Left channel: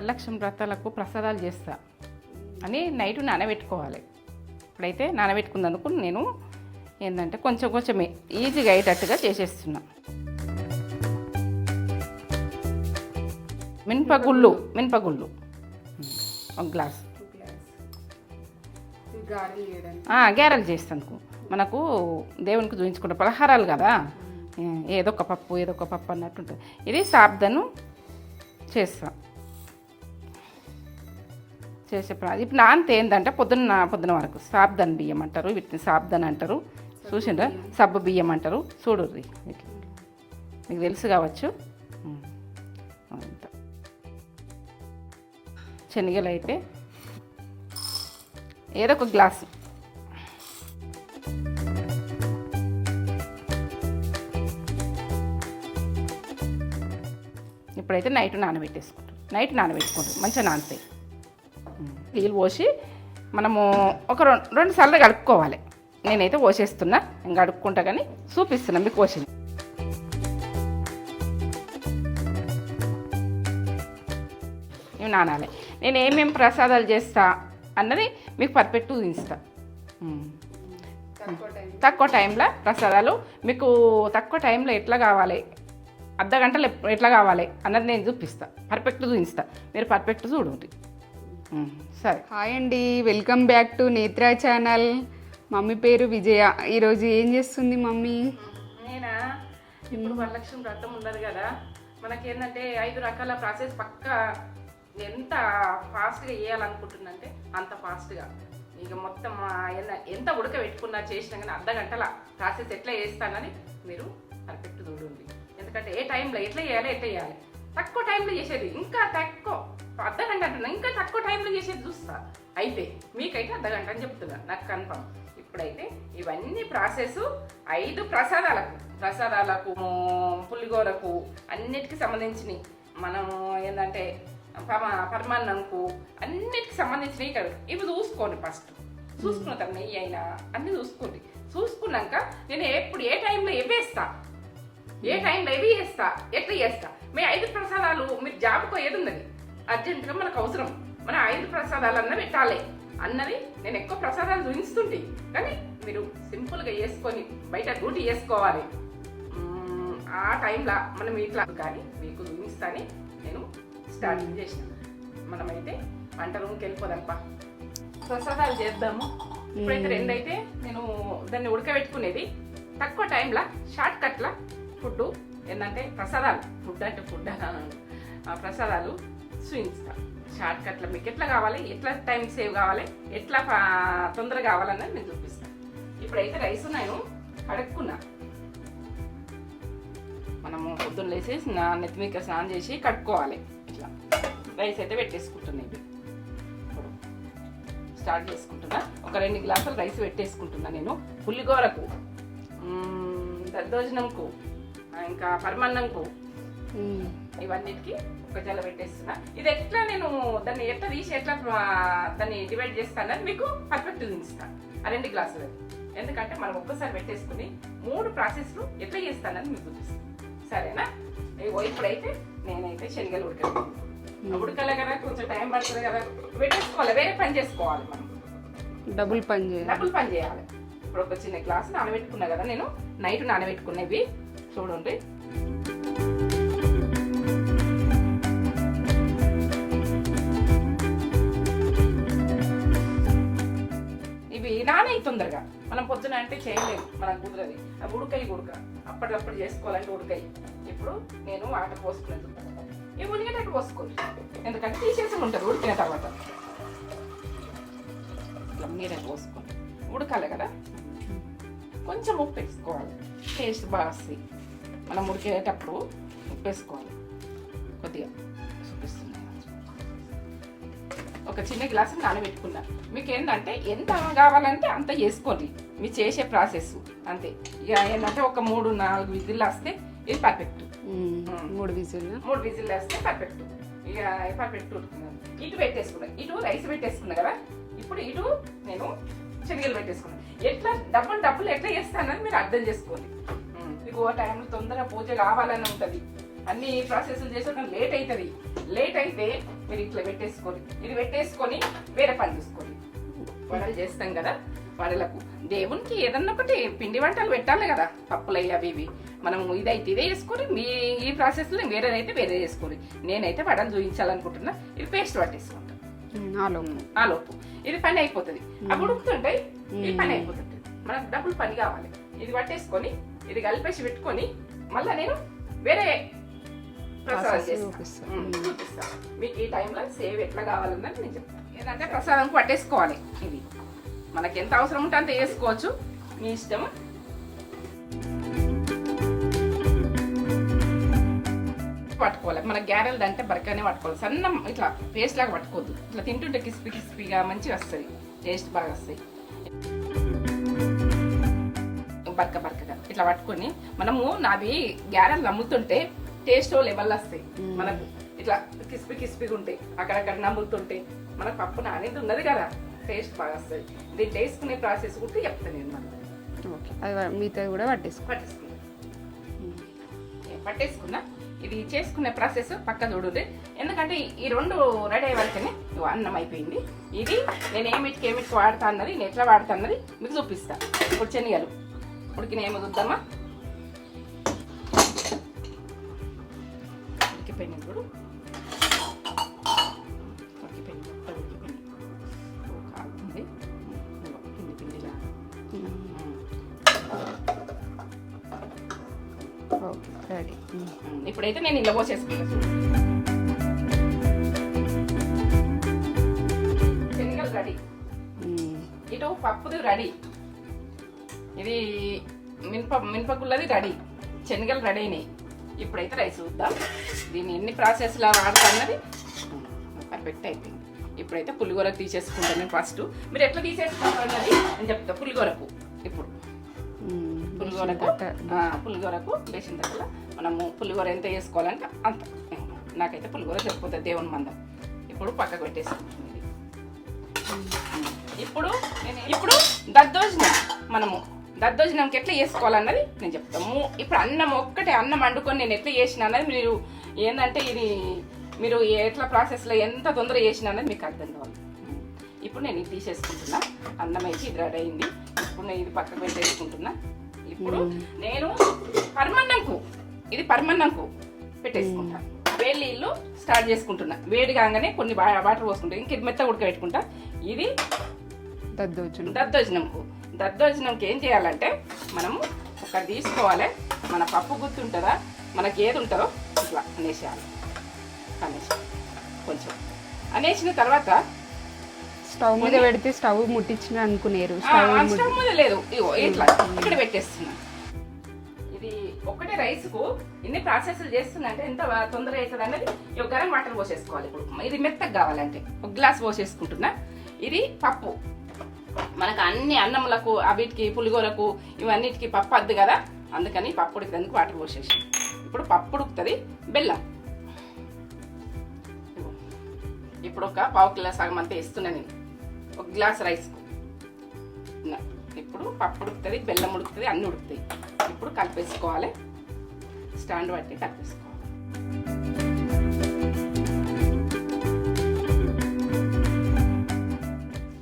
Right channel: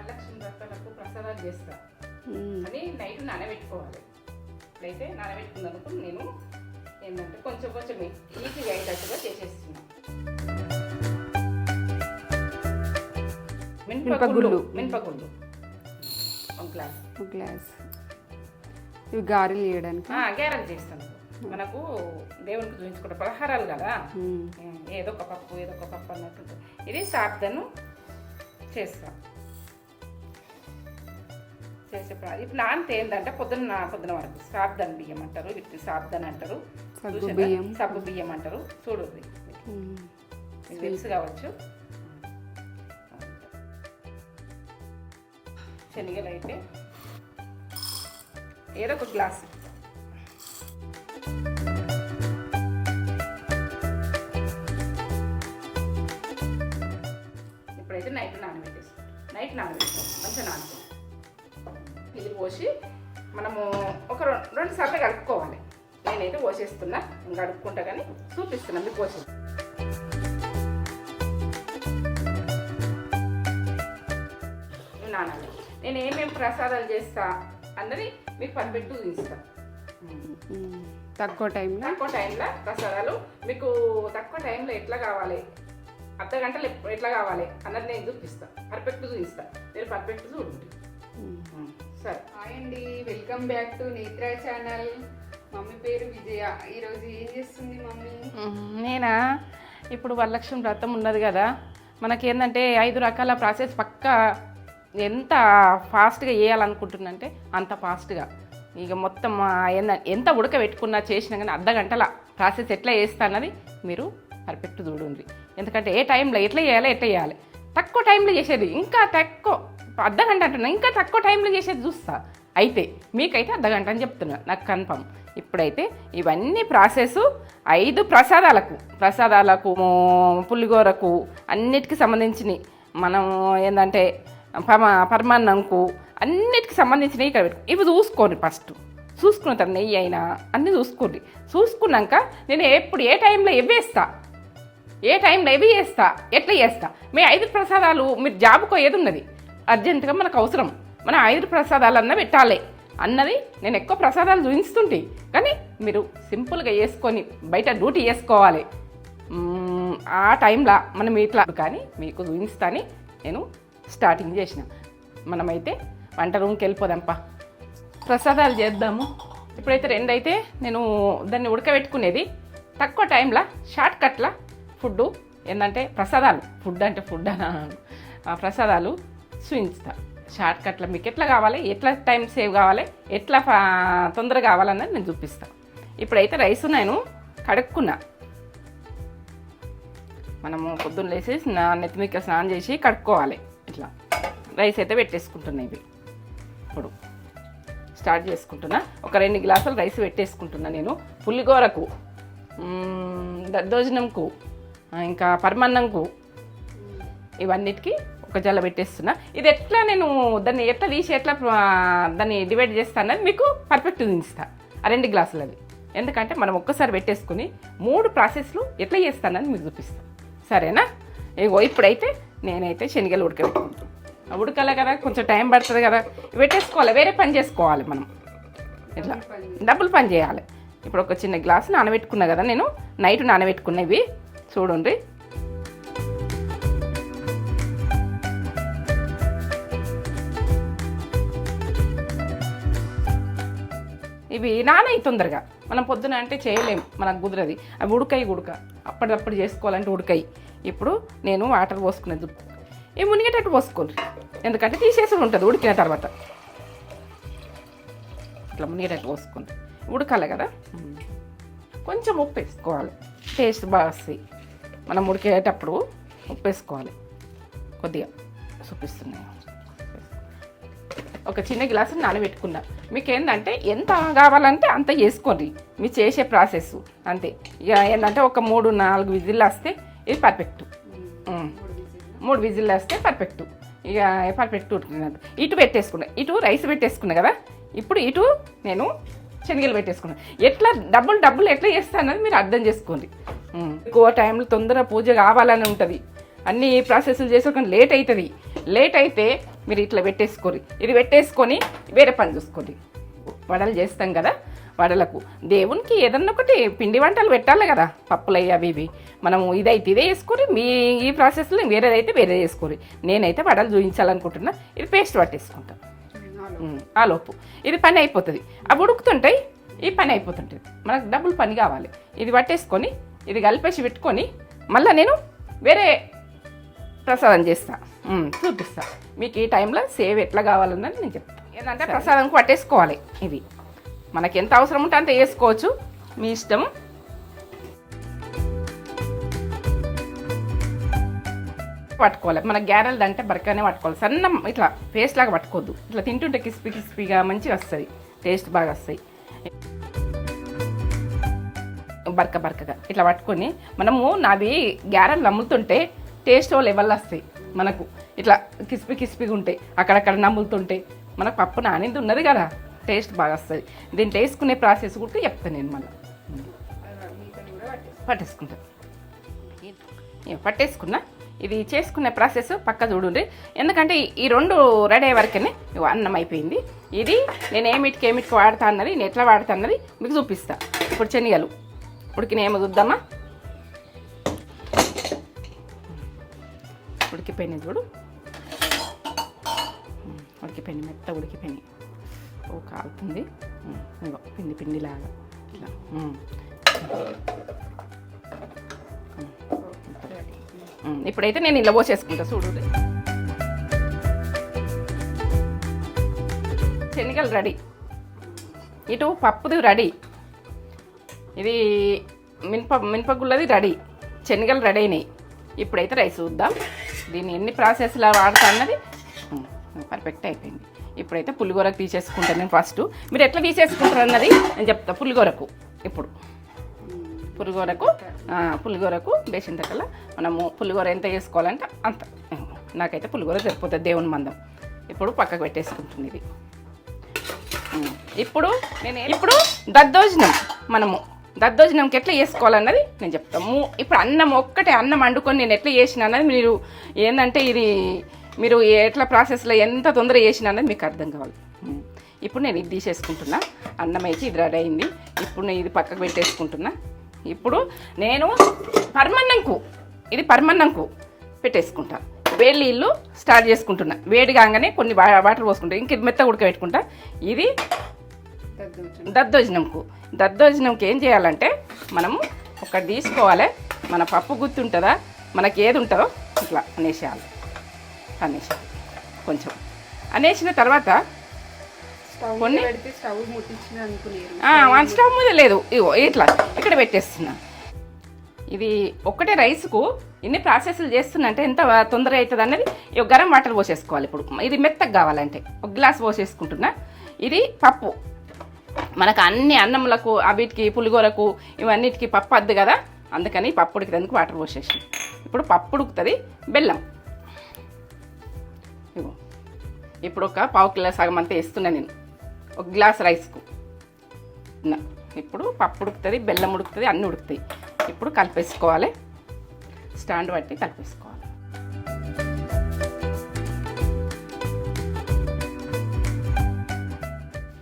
వరలక్ష్మి వ్రతాలకు ప్రసాదాలు చేస్తా అని నైట్ నానబెట్టుకోవాలి. ఇప్పుడైతే నానబెట్టుకున్నందుకు నేను ఏంటంటే కొంచెం కొంచెమే ఈజీగా అయ్యేటట్టుగా చేసేస్తున్నా. మినపగుళ్ళు ఒక గ్లాస్ ఇవి గారెలు చేయడానికి గారెలు చేస్తాను. మనకు దేవునికి చూపించుకుంటే పలహారాలు కదా, ఏదో ఒక పప్పు అన్నట్టుంటుంది. ఇది సాబ్దను చేస్తాం ఇప్పుడు నాంత ఏంటంటే పొద్దున వరకు సాబ్దన్ బియ్యం అంటారు, వీటిని సాబ్దన్ అంటారు. చూసిండ్రా, సబ్బు బియ్యం అంటారు. చూడుర్రి, మీకు తెలుసు కావచ్చు. శనగలు అయితే ఏదో ఒక గ్లాసు, ఇప్పుడైతే నైట్ నానబెట్టుకుంటాం. మంచిగా నానతాయి. నీళ్ళు పోసి మనము ఒక రెండు సార్లు కడుక్కోవాలి. నేనైతే పోసేస్తున్నా, ఇంకా కడుక్కుంటా కానీ చూపిస్తున్నా మీకు పోసింది. ఇవి నానాలి. నేను ఏమేమి ప్రసాదాలు చేస్తా అన్నది మీకు పర్ఫెక్ట్గా చూపిస్తా. తక్కువ టైంలో ప్రసాదాలు మీకు తక్కువ టైంలో ఎట్లా కావాలి, అర్ధ గంటలు ఎట్లా కావాలి అన్నది నేను చూపిస్తా, పర్ఫెక్ట్ చూపిస్తా. మీరు పర్ఫెక్ట్ చూడండి. సరే, హాయ్ అండి, welcome back to Netra channel. Mummy పేరు విజయ. ఈరోజు ఏం చేస్తుంది మమ్మీ? నేనా ఇప్పుడు వరలక్ష్మి వ్రతం ఉన్నది కదా, మనకి ఏంటంటే 5 రకాల ప్రాసెస్ పక్కా ఎంత ఫాస్ట్గా వేయాలనుకుంటున్నంటే అంత ఫాస్ట్గా. ఇక మొత్తం ఎంత ఉడకబెట్టుకున్నా చేసినా కానీ అర్ధ గంటల ప్రాసెస్ ఎట్లా చేస్తా అన్నది మీరు పర్ఫెక్ట్ చూడండి. ఎందుకంటే ఏ టైంలో ఎట్లా చేయాలి తక్కువ టైంలో చేసేది, ఇంకా తక్కువ అర్ధ గంట అంటున్నా, ఇంకా తక్కువ టైంలో చేసేది చూస్తా. అయితే మీకైతే అర్ధ గంట అని చెప్తున్నా, నాకు కన్ఫర్మ్. ఇప్పుడైతే ఇవన్నీ ప్రాసెస్ 5 ప్రసాదాలకు పులిగోరకు అన్నిటికీ సంబంధించినవి. మనం ఏంటంటే పరమాన్నంకు అన్నిటికి సంబంధించినవి ఇక్కడ పెట్టు. ఇవి చూసుకోండి. ఫస్ట్ చూసుకున్న తర్వాత నెయ్యి అయినా అన్నీ చూసుకోండి. చూసుకున్నాక నేను ఎప్పుడు ఏ టైంలో ఎవి వేస్తా, ఎట్లా చేస్తా. మీ 5 ప్రసాదాలు మీరు జాబుకో ఏది ఉన్నది అర్జెంటుగా మనకు అవసరం, మన 5 ప్రసాదాలన్నా పెట్టాలి అన్నది నేను ఎక్కువ ప్రసాదాలు చూపిస్తుంటే, కానీ మీరు సింపుల్గా వేసుకొని బయట డ్యూటీ చేసుకోవాలి. ఆ టైంలో మనం ఇట్లా కానీ మీకు చూపిస్తాని నేను స్టార్టింగ్ చేసిన. మనమైతే వంట రూమ్కి వెళ్ళిపోదాంపా, ప్రసాదాలు చేద్దాము. ఇప్పుడైతే 2 అయితే నేను దాన్ని ఉడకబెట్టుకునేది తక్కువ టైంలో షార్ట్ కట్ల ఫుడ్ ఏంటంటే ప్రసాదాలు. ఫుడ్ ఆ ప్రసాదాలు చూపిస్తా షార్ట్ కట్లో. మీకు ఎట్లా కావాలి, ఎట్లా టైం సేవ్ కావాలి, ఎట్లా తొందరగా కావాలన్నది నేను చూపిస్తాను. ఇప్పుడైతే రైస్ నేను కడుక్కున్నా. మనము పొద్దున్న లేసి నెత్తిమిక స్నానం చేసి కడుక్కోవాలి. ఇట్లా రైస్ అయితే పెట్టేసుకుంటున్నా. ఇవి ఇప్పుడు స్టార్ట్ చేసుకుంటున్నా. ఒక 2 గ్లాసులు రైస్ పెట్టేసుకుంటున్నా నేను. పులిగోరకు, దద్దోజనంకు, ఇంకా పరమాన్నంకు, ఇవన్నిటికీ ఒక జల్ల పెట్టేస్తున్నా. ఇది ఎట్లా నేను దాన్ని ఎట్లా తీసి ఎట్లా దాన్ని డివైడ్ చేస్తానని మీకు పర్ఫెక్ట్ చూపిస్తాను. ఆ 2 గ్లాసులది. ఎందుకంటే మనం ఒక్కసారి పెట్టేసుకుని 3 ప్రాసెస్లు ఎట్లా చేస్తానని మీకు చూపిస్తాను. సరేనా? ఇప్పుడైతే నేనైతే శనగలు ఉడకబెట్టుకుంటాను. ఉడకాలి కదా, కొంచెం టైం పడుతుంది కదా, పెట్టేసుకోవాలి. వేరే పని చేసుకోవాలి, మనం డబుల్ పని చేయాలి. ఇప్పుడు ఒక చిన్న గ్లాసు నానబెట్టుకున్నా కదా నేను, నైట్ నానబెట్టుకున్నవి చూడండి. ఇవి నానై తొందరగా, మనం పొద్దున అంటే చేయలేము, మనకు కుదరది. అవి ఉడక అప్పటికప్పుడు చేసుకోవాలంటే ఉడకాయి. ఇప్పుడు నేను వాటర్ పోసుకునేది ఇవి మునిగేటట్టు పోసుకోండి, ఎందుకంటే తీసేసి ఉంటుంది ఉడికిన తర్వాత. ఇట్లా మునిగేటట్టు పోసుకోండి, ఉడకాలి కదా. కొంచెం ఉప్పు వేసుకోవాలి, టేస్ట్ బాగా వస్తాయి. మనం ఉడికేటప్పుడు ఉప్పు వేసుకోవాలి కొద్దిగా. చూపిస్తున్నాను, ఒక చిన్న గ్లాసు నానబెట్టుకున్నా. మీకు ఏంటంటే ఎంత కావాలంటే అంత చేసుకోండి, మీరు చేసే ప్రాసెస్ అంతే. ఇక ఏంటంటే ఒక 3-4 విజిల్లు వస్తే ఇది పర్ఫెక్ట్. 3 విజిల్లు వస్తే పర్ఫెక్ట్. ఇక పర్ఫెక్ట్ ఉడుకున్నది. ఇటు పెట్టేసుకున్నా, ఇటు రైస్ పెట్టేసుకున్నా కదా. ఇప్పుడు ఇటు నేను శనగలు పెట్టేసుకున్నాను. ఎట్లా డబ్బులు ఎట్లా చేస్తానని మీరు అర్థం చేసుకోండి. ఎక్కువ టైంలో తొందరగా పూజ కావాలని ఉంటుంది. అన్ని ప్రాసెస్లు చేసి లేట్ అవుతుంది. లేట్ అయితే మీరు ఇట్లా పెట్టేసుకోరు. ఇది పెట్టేసుకొని వేరే పని చూసుకోండి. వడలు చేస్తాం కదా, వడలకు దేవునికి ఏదన్నా ఒకటి పిండి వంటలు పెట్టాలి కదా, పప్పులయ్యి అవి ఇవి. మనము ఇదైతే ఇదే వేసుకొని మీ ఈ ప్రాసెస్లో వేరేదైతే వేరే వేసుకోరు. నేనైతే వడలు చూపించాలనుకుంటున్నా. ఇది పేస్ట్ పట్టేసుకుంటాను ఆలోపు. ఇది పని అయిపోతుంది. అవి ఉడుకుతుంటాయి, ఈ పని అయిపోతుంటుంది. మనకు డబుల్ పని కావాలి. ఇది పట్టేసుకొని ఇది కలిపేసి పెట్టుకొని మళ్ళీ నేను వేరే ప్రసాదం చేస్తాను, చూపిస్తాను మీకు. ఈ టైంలో సేవ్ ఎట్లా కావాలన్నది నేను చెప్తాను. ఏంటంటే ప్రసాదంకి పట్టేసుకోవాలి. ఇది మనకి ఎంత అవసరం ఉంటే అంత వేసుకోవచ్చు, మీ ఇష్టం. పట్టుకోవాలి. మన గ్యారెలు అంటే బరకనే పట్టుకోవాలి. సన్న ఇట్లా పేస్ట్ లాగా పట్టుకోవద్దు. ఇట్లా తింటుంటే క్రిస్పీగా మంచిగా వస్తుంది, టేస్ట్ బాగా వస్తాయి. బరకగా ఇట్లా పట్టుకొని మనము నావి గ్యారెలు నమ్ముతుంటే టేస్ట్ లెవెల్ వస్తాయి మనకు. ఇట్లా క్రిస్పీగా ఉంటాయి, అక్కడక్కడ నమ్ముతుంటే మనకు పప్పు నానింది ఉన్నది కదా, టేస్ట్ బాగా వస్తుంది. దీంట్లో వేసుకునే ప్రాసెస్ కూడా చెప్తాను నేను. మనం మిగతా కూడా పట్టేసుకుంటాను. పట్టేసుకున్నా. ఇది చేసుకునే ప్రాసెస్ పక్క చూడండి. ఎందుకంటే ఈ రెండు రెడీ అయ్యే వరకనే అన్నం అయిపోయింది. ఇది నేను ఏమిటికి వాడతా అన్నది, నేను ఎట్లా వాడతా అన్నది మీకు చూపిస్తాను. ఇప్పుడు శనగలు ఉడికినాయేమో చూద్దామా. ఉడికిపోయినాయి చూడు, ఉడికిపోయినాయి, మొత్తం ఉడికిపోయినాయి. కాలుతుంది పిండిలాగా. ఇప్పుడైతే నేను ఇలా పోసేసుకుంటా చూడు. శనగలు రెడీ, ఇటు పప్పుది రెడీ, ఇది మినపగుళ్ళది రెడీ, శనగలు రెడీ అయినాయి. ఇప్పుడైతే రైస్ చూద్దాం. దీన్ని ఎన్ని ప్రాసెస్లో వాడతా అన్నది పర్ఫెక్ట్ అయిపోయింది. ఇప్పుడైతే పులిగోరకు తీసేసుకుంటాను నేను ఫస్ట్. మీరు ఎట్లా తీసేసుకుంటారు అన్నది నేను చెప్తా. పులిగోరకు ఇప్పుడు పులిగోరకు బేసిన దగ్గర మనము పులిగోర ఎంత చేసుకోవాలంటే అంత. నాకైతే పులిగోర సరిపోతుంది దేవుని మందం. ఇప్పుడు పక్కకు పెట్టేసుకుంటుంది ఇది. ఇప్పుడు దద్దోజనం, మనము దద్దోజనంకి ఎట్లా చేసుకోవాలన్నది నేను చెప్తాము. ఇప్పుడు అన్నం ఒక్కటే అన్నం వండుకొని నేను ఎట్లా చేసిన అన్నది మీరు ఏంటంటే ఇది మీరు ఎట్లా ప్రాసెస్లో ఎంత తొందర చేసిన అన్నది మీకు అర్థం కావాలి. ఇప్పుడు నేను ఇది తీసేసుకుంటున్నా. అన్నం అయితే ఇది రెడీ అయింది. ఇప్పుడు నేను ఇది పక్కకు పెట్టేసుకుంటున్నా. ఇప్పుడు నేను పరమన్నంకు పెట్టేసుకుంటా. వేడి నీళ్ళు స్టార్ట్ చేసుకుంటున్నా. వేడి కాగానే కొన్ని వాటర్ పోసుకుంటా. ఇంక ఇది మెత్త ఉడకబెట్టుకుంటా. ఇది దద్దోజనంకి ఏం చేయాలంటే మనము ఒకటి తీసుకోవాలి. మన పప్పు గుత్తి ఉంటుందా, మనకి ఏది ఉంటుందో ఇట్లా అనేసేయాలి. కొంచెం అనేసిన తర్వాత స్టవ్ మీద పెడితే స్టవ్ ముట్టించిన అనుకునేరు. స్టవ్ మీద లేదు, ఇగో ఇట్లా ఇక్కడ పెట్టేస్తున్నా. ఇది ఒక్కటే రైస్కు ఎన్ని ప్రాసెస్లు చేస్తున్నా అంటే ఎంత తొందర అవుతుంది అన్నది. ఇక గరం వాటర్ పోసేసుకోవాలి. ఇప్పుడు ఇది మెత్తగా కావాలంటే ఒక గ్లాస్ పోసేసుకుంటున్నా. ఇది పప్పు, మనకు అన్ని అన్నములకు వీటికి పులిగోరకు ఇవన్నిటికి పప్పు వద్దు కదా, అందుకని పప్పు ఉడికేందుకు వాటర్ పోసేసి. ఇప్పుడు పప్పు ఉడుకుతుంది. బెల్లం ఇప్పుడు ఒక పావు కిలో సగం అంతా వేస్తున్నా నేను ఒక గ్లాస్ రైస్కు. ఇప్పుడు పప్పు ఉడుకుతుంది, బెల్లం ఉడుకుతుంది, అన్నీ ఉడుకుతాయి. ఇప్పుడు కలిపేసుకోవాలి. స్టాండ్ బట్టి కలిపేసుకోవాలి.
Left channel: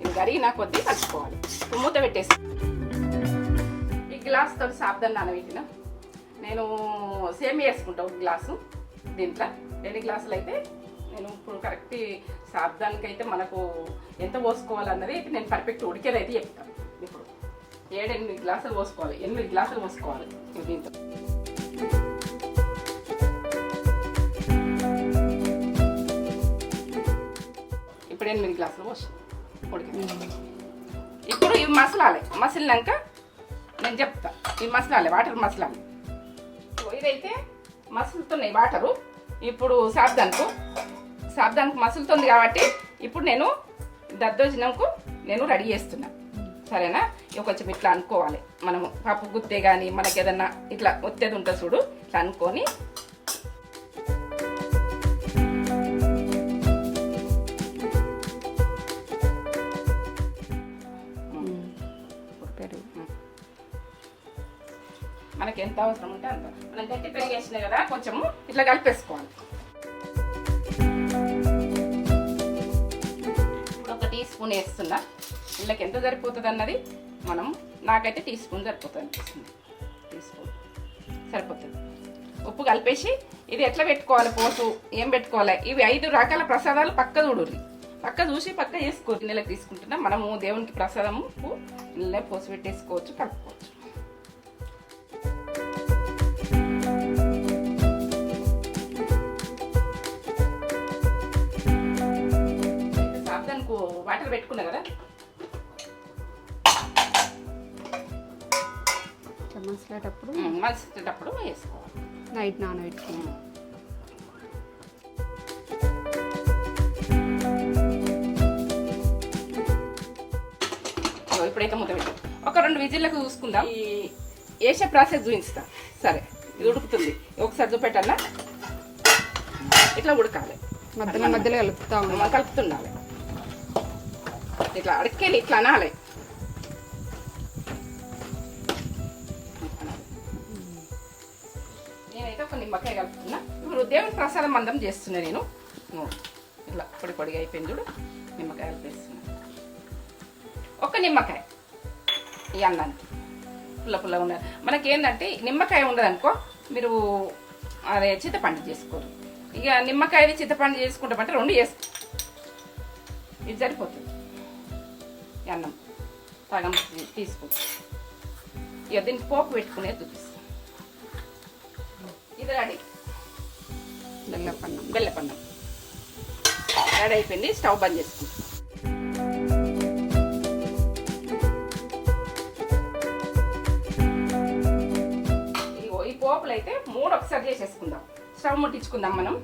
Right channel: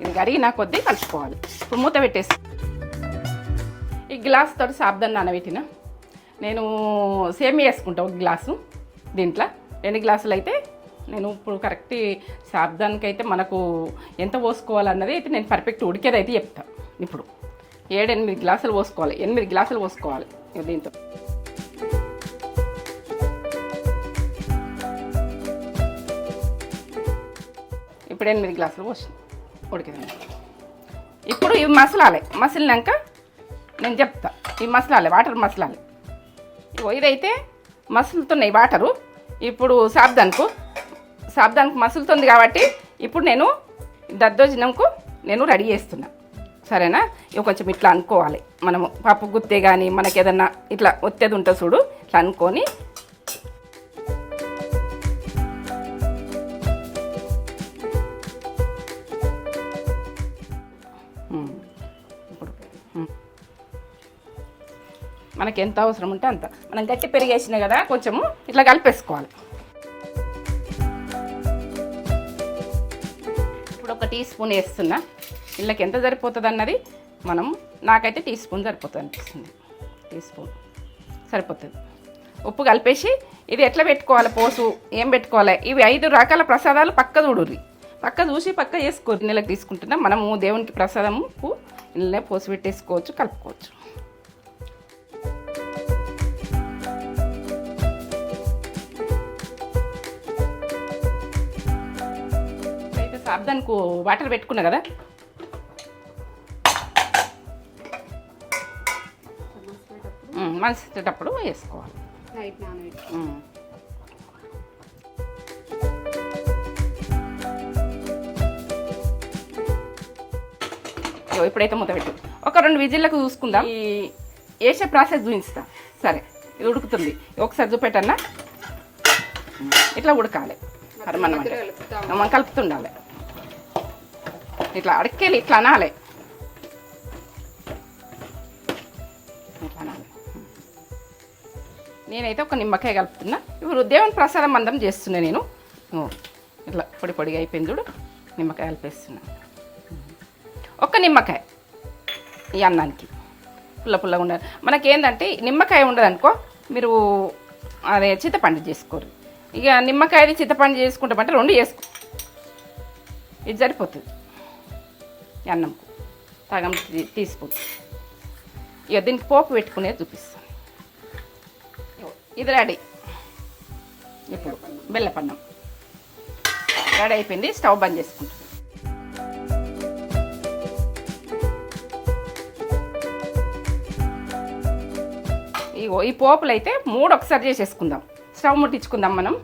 ఇది కడిగిన కొద్దీ కలుపుకోవాలి. ఇప్పుడు మూత పెట్టేసి ఈ గ్లాస్ తోటి సాబ్దాన్ని నానబెట్టిన నేను సేమియా వేసుకుంటా ఒక గ్లాసు. దీంట్లో 2 గ్లాసులు అయితే నేను ఇప్పుడు కరెక్ట్ సాబ్దానికి అయితే మనకు ఎంత పోసుకోవాలన్నది అయితే నేను పర్ఫెక్ట్ ఉడికేది అయితే చెప్తాను. ఇప్పుడు 7-8 గ్లాసులు పోసుకోవాలి. 8 గ్లాసులు పోసుకోవాలి దీంతో. ఇప్పుడు 8 గ్లాసులు పోసి ఉడికింది. ఇప్పుడు ఇవి మసలినాక నేను చెప్తా. ఇవి మసలాలి, వాటర్ మసలాలి. ఇదైతే మసులుతున్నాయి వాటరు. ఇప్పుడు సాబ్దానికి మసులుతుంది కాబట్టి ఇప్పుడు నేను దద్దోజనంకు నేను రెడీ చేస్తున్నా. సరేనా? ఇవి కొంచెం ఇట్లా అనుకోవాలి. మనము పప్పు గుత్తే కానీ మనకి ఏదన్నా ఇట్లా ఒత్తేది ఉంటుంది చూడు, ఇట్లా అనుకొని మనకి ఎంత అవసరం ఉంటే అంత. మనం గట్టి పెరిగేసినాయి కదా, కొంచెము ఇట్లా కలిపేసుకోవాలి. స్పూన్ వేస్తున్నా. వీళ్ళకి ఎంత సరిపోతుంది అన్నది మనం నాకైతే టీ స్పూన్ సరిపోతుంది అనిపిస్తుంది. టీ స్పూన్ సరిపోతుంది. ఉప్పు కలిపేసి ఇది ఎట్లా పెట్టుకోవాలి, పోసు ఏం పెట్టుకోవాలి, ఇవి 5 రకాల ప్రసాదాలు పక్క చూడుర్రి. పక్క చూసి పక్క వేసుకోరు. నెలకు తీసుకుంటున్నా మనము దేవునికి ప్రసాదము ఉప్పు ఇళ్ళనే పోసి పెట్టేసుకోవచ్చు, కలుపుకోవచ్చు. అయితే సాబ్దానికి వాటర్ పెట్టుకున్నా కదా, మనిషేటప్పుడు వేసుకోవాలి. నైట్ నానబెట్టి ఇప్పుడైతే మూత పెట్టి ఒక 2 విజిల్లకు చూసుకుందాం. ఈ వేసే ప్రాసెస్ చూపిస్తాం. సరే, ఇది ఉడుకుతుంది. ఒకసారి చూపెట్టన్నా, ఇట్లా ఉడకాలి. మనం కలుపుతుండాలి. ఇట్లా అడక్కేలి ఇట్లా అనాలి. నేనైతే ఒక నిమ్మకాయ కలుపుతున్నా. ఇప్పుడు దేవుని ప్రసాదం అందం చేస్తున్నా నేను. ఇట్లా పొడి పొడిగా అయిపోయింది చూడు. నిమ్మకాయ కలిపేస్తున్నా. ఒక్క నిమ్మకాయ ఈ అన్నానికి పుల్ల పుల్లగా ఉండాలి. మనకేంటంటే నిమ్మకాయ ఉండదనుకో, మీరు అదే చింతపండు చేసుకోరు. ఇక నిమ్మకాయది చింతపండు చేసుకుంటామంటే 2 చేసుకో. ఇది సరిపోతుంది. అన్నం సగం తీసుకుంటాం. ఇక దీనికి పోపు పెట్టుకునేది చూపిస్తాను. ఇది రెడీ. బెల్లపన్నం రెడీ అయిపోయింది. స్టవ్ బంద్ చేసుకుంటాం. ఈ పోపులు అయితే 3 ఒకసారి చేసేసుకుందాం. స్టవ్ ముట్టించుకుందాం మనం.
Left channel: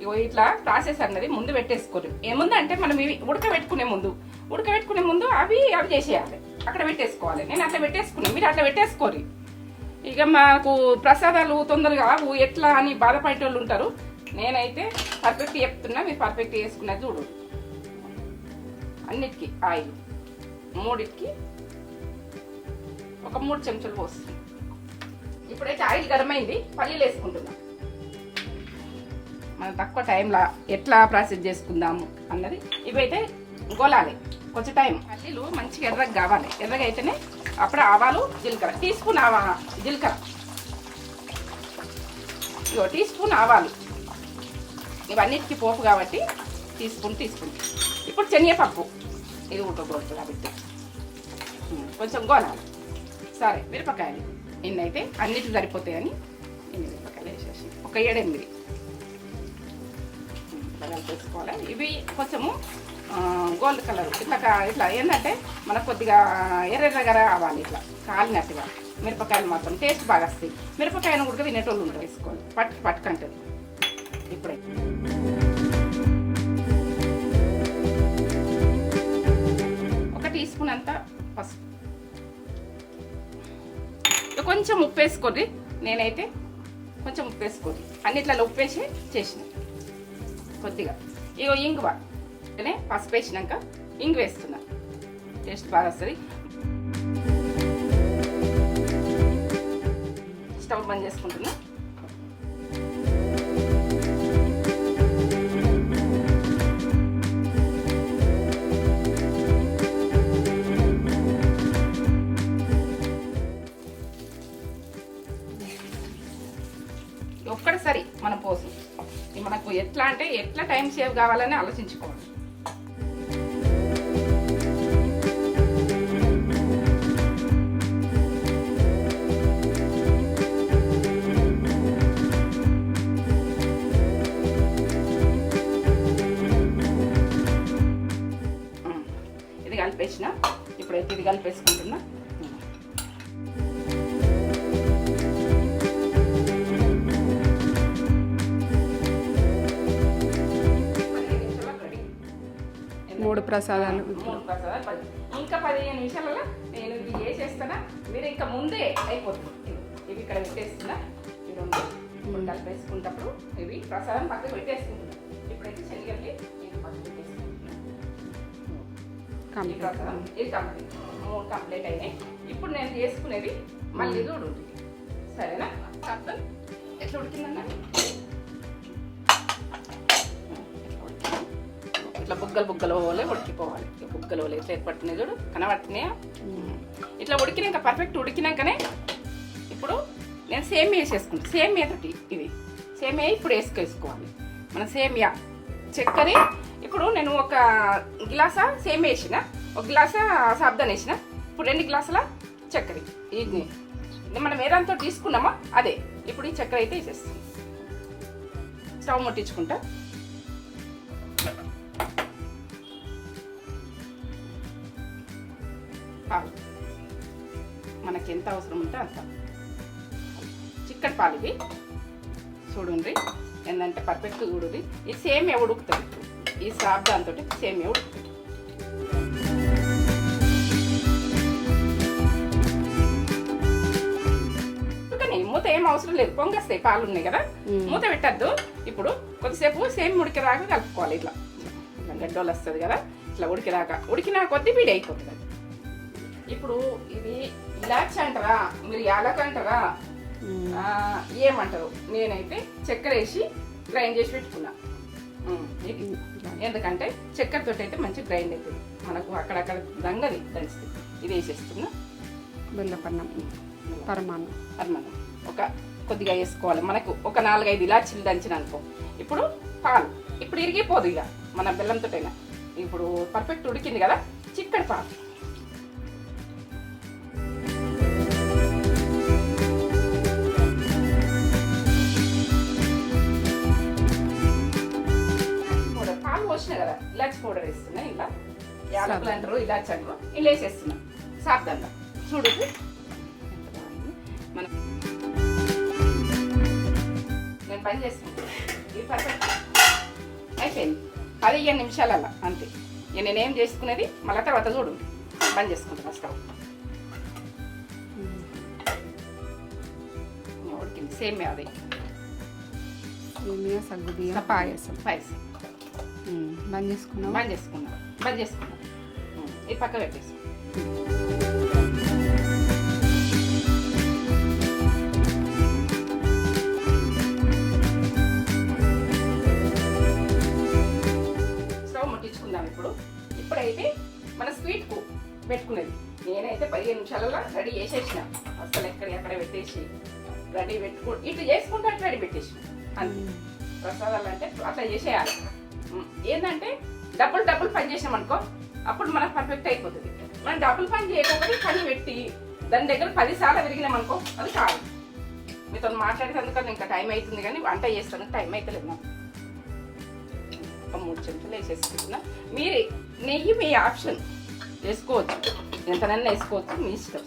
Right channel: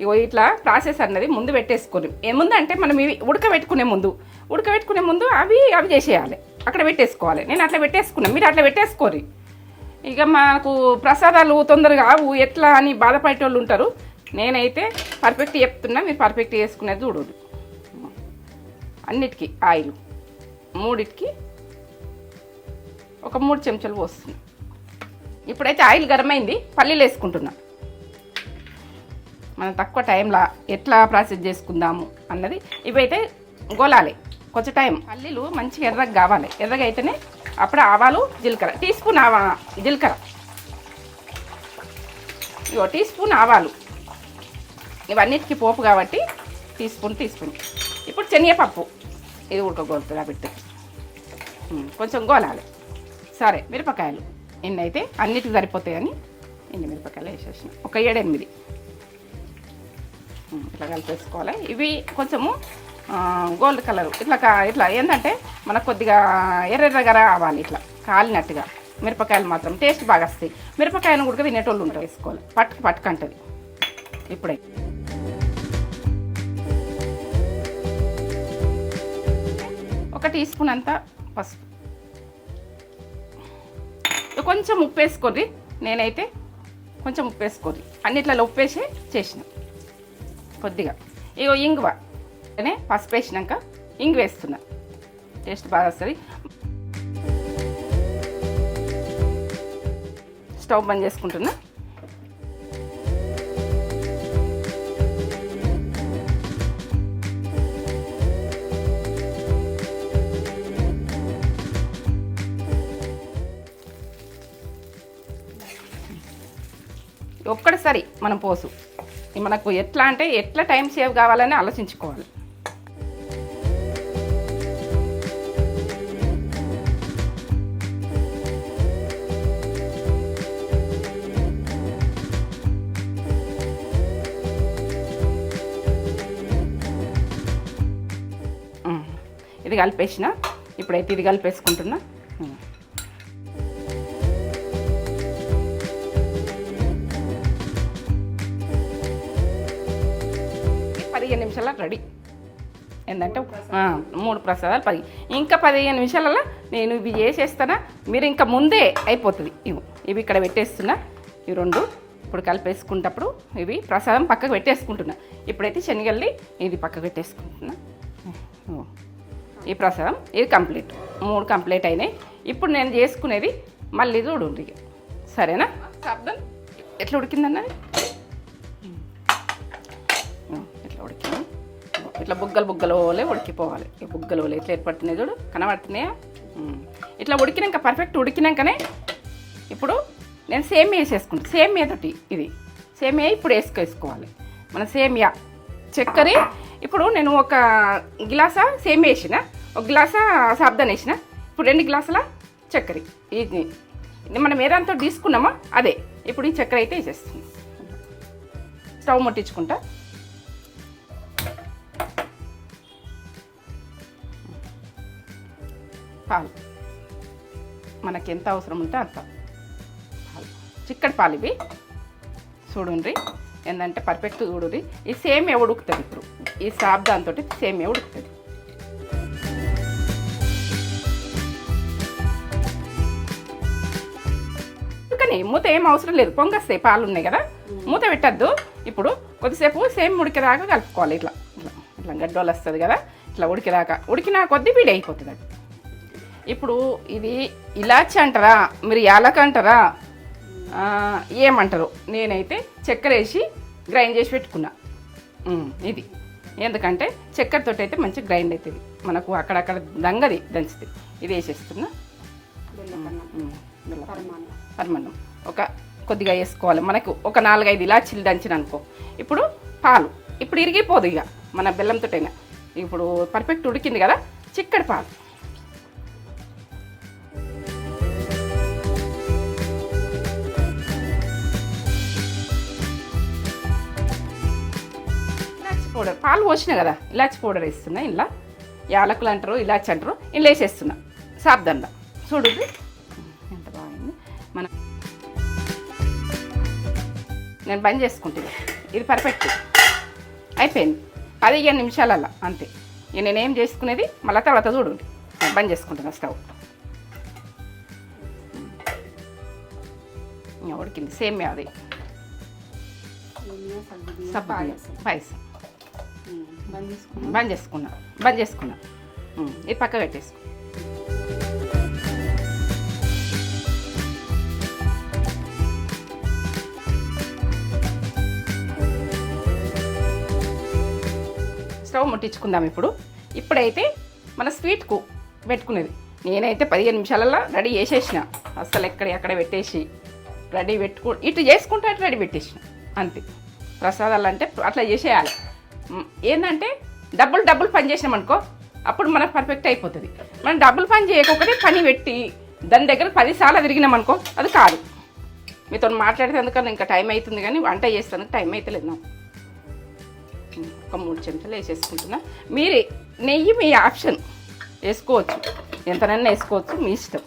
ఇగో ఇట్లా ప్రాసెస్ అన్నది ముందు పెట్టేసుకోరు. ఏముందంటే మనం ఇవి ఉడకబెట్టుకునే ముందు అవి చేసేయాలి. అక్కడ పెట్టేసుకోవాలి. నేను అట్లా పెట్టేసుకున్నాను, మీరు అట్లా పెట్టేసుకోరు. ఇక మాకు ప్రసాదాలు తొందరగా ఎట్లా అని బాధపడేటోళ్ళు ఉంటారు. నేనైతే పర్ఫెక్ట్ చెప్తున్నా, మీరు పర్ఫెక్ట్ చేసుకునేది చూడు. అన్నిటికీ ఆయిల్ 3కి ఒక 3 చెంచాలు పోస్తుంది. ఇప్పుడైతే ఆయిల్ గరం అయింది. పల్లీలు వేసుకుంటున్నా. మనం తక్కువ టైంలో ఎట్లా ప్రాసెస్ చేసుకుందాము అన్నది. ఇవైతే గోలాలి కొంచెం టైం. పల్లీలు మంచిగా ఎర్రగా కావాలి. ఎర్రగా అయితేనే అప్పుడు ఆవాలు, జీలకర్ర, టీ స్పూన్ జీలకర్ర, ఇవో టీ స్పూన్ ఆవాలు, ఇవన్నిటికీ పోపు కాబట్టి టీ స్పూన్. ఇప్పుడు శనగపప్పు ఇది ఉడకగొడుతుంది కాబట్టి కొంచెం గోలాలి. సరే, మిరపకాయలు ఇన్నైతే అన్నిటికి సరిపోతాయని ఇన్ని మిరపకాయలు వేసేసి ఒక 7-8 ఇట్లా కలిపేసుకోవాలి. ఇవి కొంచెము గోల్డ్ కలర్ ఇట్లా ఏంటంటే మనకు కొద్దిగా ఎర్రగా రావాలి. ఇట్లా కాలినట్టుగా మిరపకాయలు మాత్రం టేస్ట్ బాగా వస్తాయి. మిరపకాయలు కూడా తినేటోళ్ళు ఉంటారు. వేసుకోవాలి. పట్టుకంటది. ఇప్పుడే ఒక టీ స్పూన్ అంతా పసుపు, కొంచెం ఉప్పు వేసుకోండి. నేనైతే కొంచెం ఉప్పు వేసుకోండి. అన్నిట్లలో ఉప్పు వేసి చేసిన కొద్దిగా. ఇగో ఇంగువ పసుపు వేసినాక ఇంగు వేస్తున్నా. టేస్ట్ బాగా వస్తుంది. స్టవ్ బంద్ చేసుకుంటున్నా. ఒక్కటిసారి మనం పోసు. మనకు ఎట్లా అంటే ఎట్లా టైం సేవ్ కావాలని ఆలోచించుకోవాలి. ఇది కలిపేసిన. ఇప్పుడైతే ఇది కలిపేసుకుంటున్నా. 15 నిమిషాల రెడీ. మూడు ప్రసాదాలు 10. ఇంకా 15 నిమిషాలలో నేను ఇవి చేసేస్తానా. మీరు ఇంకా ముందే అయిపోతుంది. ఇవి ఇక్కడ పెట్టేస్తున్నా. ఇవి 2 ఇప్పుడు కలిపేసుకుంటప్పుడు ఇవి ప్రసాదం పక్కకు పెట్టేసుకుంటున్నా. ఇప్పుడైతే శనగల్ని ఇది పక్కకు పెట్టేసుకుంటున్నా. ఈ ప్రసాదం ఇది కంప్లీట్. 3 కంప్లీట్ అయినాయి. ఇప్పుడు నేను చేసుకునేది మళ్ళీ చూడండి. సరేనా? ఎట్లా ఉడికిందన్న? ఇట్లా బుగ్గలు బుగ్గలు ఓలే ఉడికిపోవాలి. ఈ బుగ్గలు ఓలే ఎట్లా ఏర్పడుతున్నాయి చూడు, కనబడుతున్నాయా? ఇట్లా ఉడికినాక పర్ఫెక్ట్ ఉడికినాకనే ఇప్పుడు నేను సేమియా వేసేసుకుంటాను. సేమియా తోటి ఇది సేమియా ఇప్పుడు వేసుకోవాలి. మన సేమియా చక్కెర ఇప్పుడు నేను ఒక గ్లాసా సేమియా వేసిన, ఒక గ్లాసా సాబ్దాన్ వేసిన, ఇప్పుడు 2 గ్లాసుల చక్కెర. ఇది మనం ఏదంతా తీసుకున్నామో అదే. ఇప్పుడు ఈ చక్కెర అయితే వేసేస్తుంది. స్టవ్ ముట్టించుకుంటా. పాలు మనకి ఎంత అవసరం ఉంటే అంత చిక్కటి పాలు ఇవి. చూడండి ఏంటంటే పర్ఫెక్ట్ చూడుది. ఈ సేమియా ఉడుకుతుంది. ఇప్పుడు ఈ సాబ్దాంతో సేమియా ఉడుకుతుంది. కానీ మూత ఏం అవసరం లేదు, పొంగస్తాయి, పాలు ఉన్నాయి కదా, మూత పెట్టద్దు. ఇప్పుడు కొద్దిసేపు సేమ్ ఉడికేదాకా కలుపుకోవాలి. ఇట్లా ఇట్లా గడ్డోలు వస్తుంది కదా, ఇట్లా ఉడికినా కొద్దీ వీడి అయిపోతుంది. ఇప్పుడు ఇది ఇలాచి అంటారా, మీరు యాలక అంటారా, ఏమంటారు? నేనైతే చక్కెర వేసి గ్రైండ్ చేసి పెట్టుకున్నా. ఇది ఎందుకంటే చక్కెరతో అయితే మంచిగా గ్రైండ్ అవుతుంది, మనకు అక్కడక్కడ దంగది దంచుతుంది. ఇది వేసేస్తున్నా. పరమాన్నం ఒక కొద్దిగా వేసుకోవాలి. మనకు ఒక 4-5 ఇలాచీలు దంచిన అనుకో. ఇప్పుడు పాలు ఇప్పుడు ఇరిగిపోదు ఇక మన బెల్లంతోటైనా. ఇప్పుడు పర్ఫెక్ట్ ఉడికింది కదా, చిక్కడి పాలు. పాలు పోసినా కదా, ఇలాచి పౌడర్ వేస్తున్నా. ఇలా యాలకులు అంటారు, ఇలాచి అంటారు, ఇలా వేసేస్తున్నా సాబ్దండ. చూడు మన నేను బంద్ చేసుకుంటున్నా. ఇది పర్ఫెక్ట్ అయిపోయింది. 15 నిమిషాలల్లా అంతే. ఇక నేనేం చేసుకునేది మళ్ళీ తర్వాత చూడు. బంద్ చేసుకుంటున్నా స్టవ్. ఉడికింది సేమియా. అది పాయసం బంద్ చేసుకున్నా. ఇది పక్క పెట్టేసి స్టవ్ ముట్టించుకుందాం. ఇప్పుడైతే మన స్వీట్కు పెట్టుకునేది. నేనైతే 15 నిమిషాలలో రెడీ చేసేసిన. అసలు ఎక్కడ పెట్టేసి రెడీ ఇటు చేసుకుంటే అటు రెడీ పెట్టేసిన అంతే. ప్రసాదాలు అంటే అట్లా చేసేయాలి. ఏంటంటే డబ్బులు పని చేసినాం అనుకో, అప్పుడు మనకు పర్ఫెక్ట్ అయిపోతుంది. మనం డబ్బులు పని చేయకపోతే పని పెట్టి దాని దగ్గర 10 సార్లు తిరిగినాం అనుకో, అది కాదు. మీతో మాట్లాడితే ఎందుకన్నా ఇంకా టైం అవుతుంది, కానీ వంట చేస్తాను టైం అయితే లేదు నాకు. ఒక 3 చెంచాలు వేసేసుకుంటున్నా. మీరు నెయ్యి మీ ఆప్షన్ వేసుకోవచ్చు, ఎంతనన్నా వేసుకోవచ్చు, మీ ఇష్టం.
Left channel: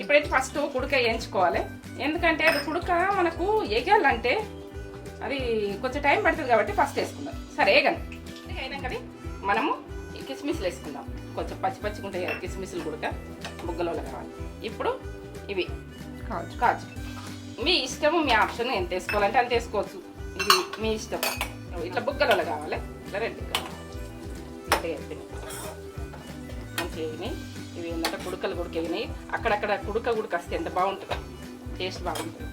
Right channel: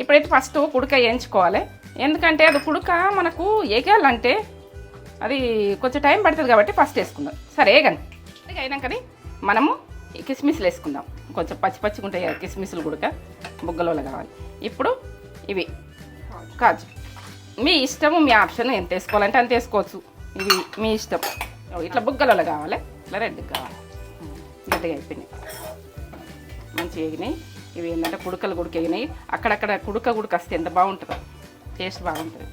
ఇప్పుడైతే ఫస్ట్ కుడక వేయించుకోవాలి. ఎందుకంటే అది కుడక మనకు వేగాలంటే అది కొంచెం టైం పడుతుంది కాబట్టి ఫస్ట్ వేసుకుందాం. సరే కానీ అయినాకని మనము ఈ కిస్మిస్లు వేసుకుందాం. కొంచెం పచ్చిగా ఉంటాయి కదా కిస్మిస్లు కూడా, బుగ్గలో కావాలి. ఇప్పుడు ఇవి కాజు మీ ఇష్టము, మీ ఆప్షన్. ఎంత వేసుకోవాలంటే అంత వేసుకోవచ్చు, ఇది మీ ఇష్టం. ఇట్లా బుగ్గలలో కావాలి, ఇట్లా రెడ్గా కావాలి. రెడ్గా అయిపోయినాయి, మంచిగా అయినాయి. ఇవి ఏంటంటే కుడకలు అయినాయి. అక్కడక్కడ కుడక వస్తే ఎంత బాగుంటుందో, టేస్ట్ బాగుంటుంది.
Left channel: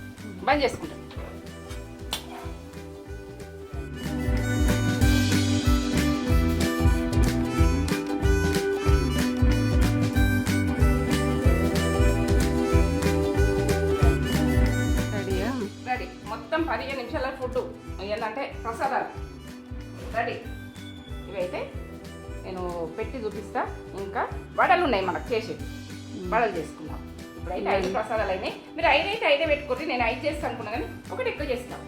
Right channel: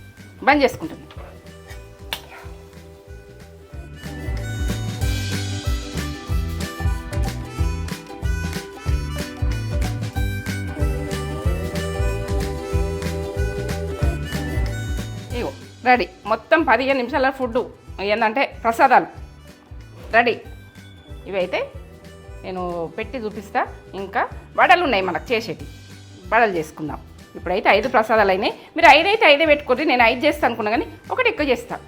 బంద్ చేసుకుంటుంది. రెడీ. మొత్తం 15 నిమిషాల ఫుడ్ ఏంటంటే ప్రసాదాలు రెడీ. ఇవైతే నేను పెట్టి చూపిస్తా. ఇంకా వడలు ఉన్నాయి మనకు చేసేవి, వడలు చేసుకుందాం. ఇప్పుడైతే 5 ప్రసాదాలు అయినాయి. మీరు 5 అయితే 5 పెట్టుకోండి. నేను 5 చేస్తాను అనుకున్నా, కానీ ఒకటి ఎక్కువ చేస్తాను,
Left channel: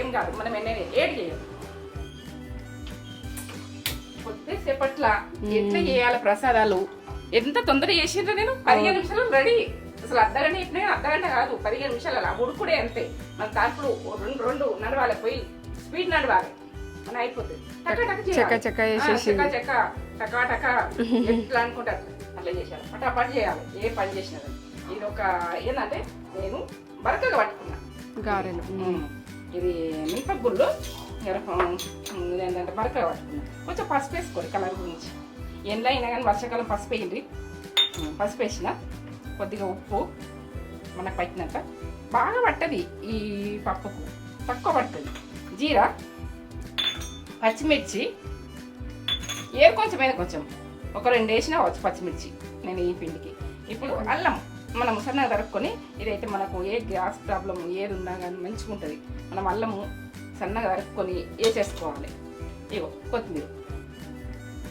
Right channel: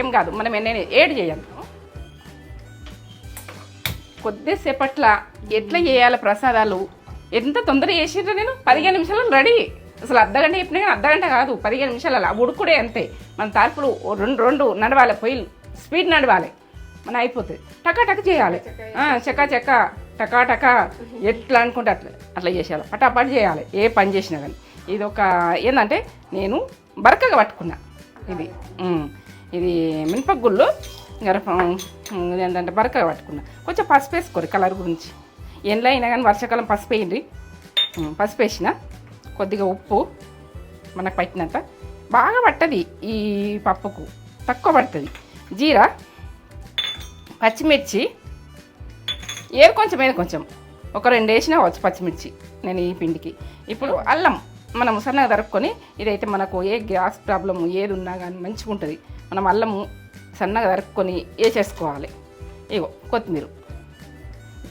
ఏం కాదు. మనం నేను 7 చేయాలి. కొద్దిసేపట్ల ఎట్లా చేయాలి ప్రసాదాలు, ఎంత తొందరగా చేసిండ్రో. నేను 15 నిమిషాలు రెడీ. అసలు అర్ధగంట చెప్పినా కానీ అర్ధగంట కాదు, 15 నిమిషాలు. అలా ఉడుకుడే అంతే. మన తార్పులు 2 నడవాలి, పొయ్యిలు స్పీడ్ నడవాలి, మన అయిపోతుంది. టకా చేయాలి, టకా ఎట్లా అనుకుంటే అట్లా చేసేయాలి, పటాపట్ చేయాలి. ఏ పని చేసినా కానీ. ఇది ఒక ఏంటంటే నేను బరకగా పట్టుకున్నా. ఇది మినపగుళ్ళు ఏంటంటే బరకగా పట్టుకున్నా. కొంచెం పసుపు వేసుకోరు కలర్ గురించి. ఎండ్లో అయినా కానీ వర్షాకాలం పసుపు వేయండి. పసుపు వేసిన, కొద్దిగా ఉప్పు మనకు పట్టినంత. బాగా పట్టది ఈ పప్పుకు, తక్కువ పడుతుంది. జీరా, పచ్చిమిర్చి, ఏది కొంచెమైనా కొంచెం ఒక 2 వేసినా వచ్చు పచ్చిమిర్చి నేను ఈ పిండికి. ఇప్పుడు అల్లం మనం సన్నగా తరుక్కొని, ఇదైతే మనకు ఏ గ్యాస్ ప్రాబ్లం ఏది ఉన్నా కానీ మంచిగా ఉంటుంది. మనం అల్లము సన్నగా తరుక్కొని వేసేసుకోవాలి. ఇగో కొత్తిమీర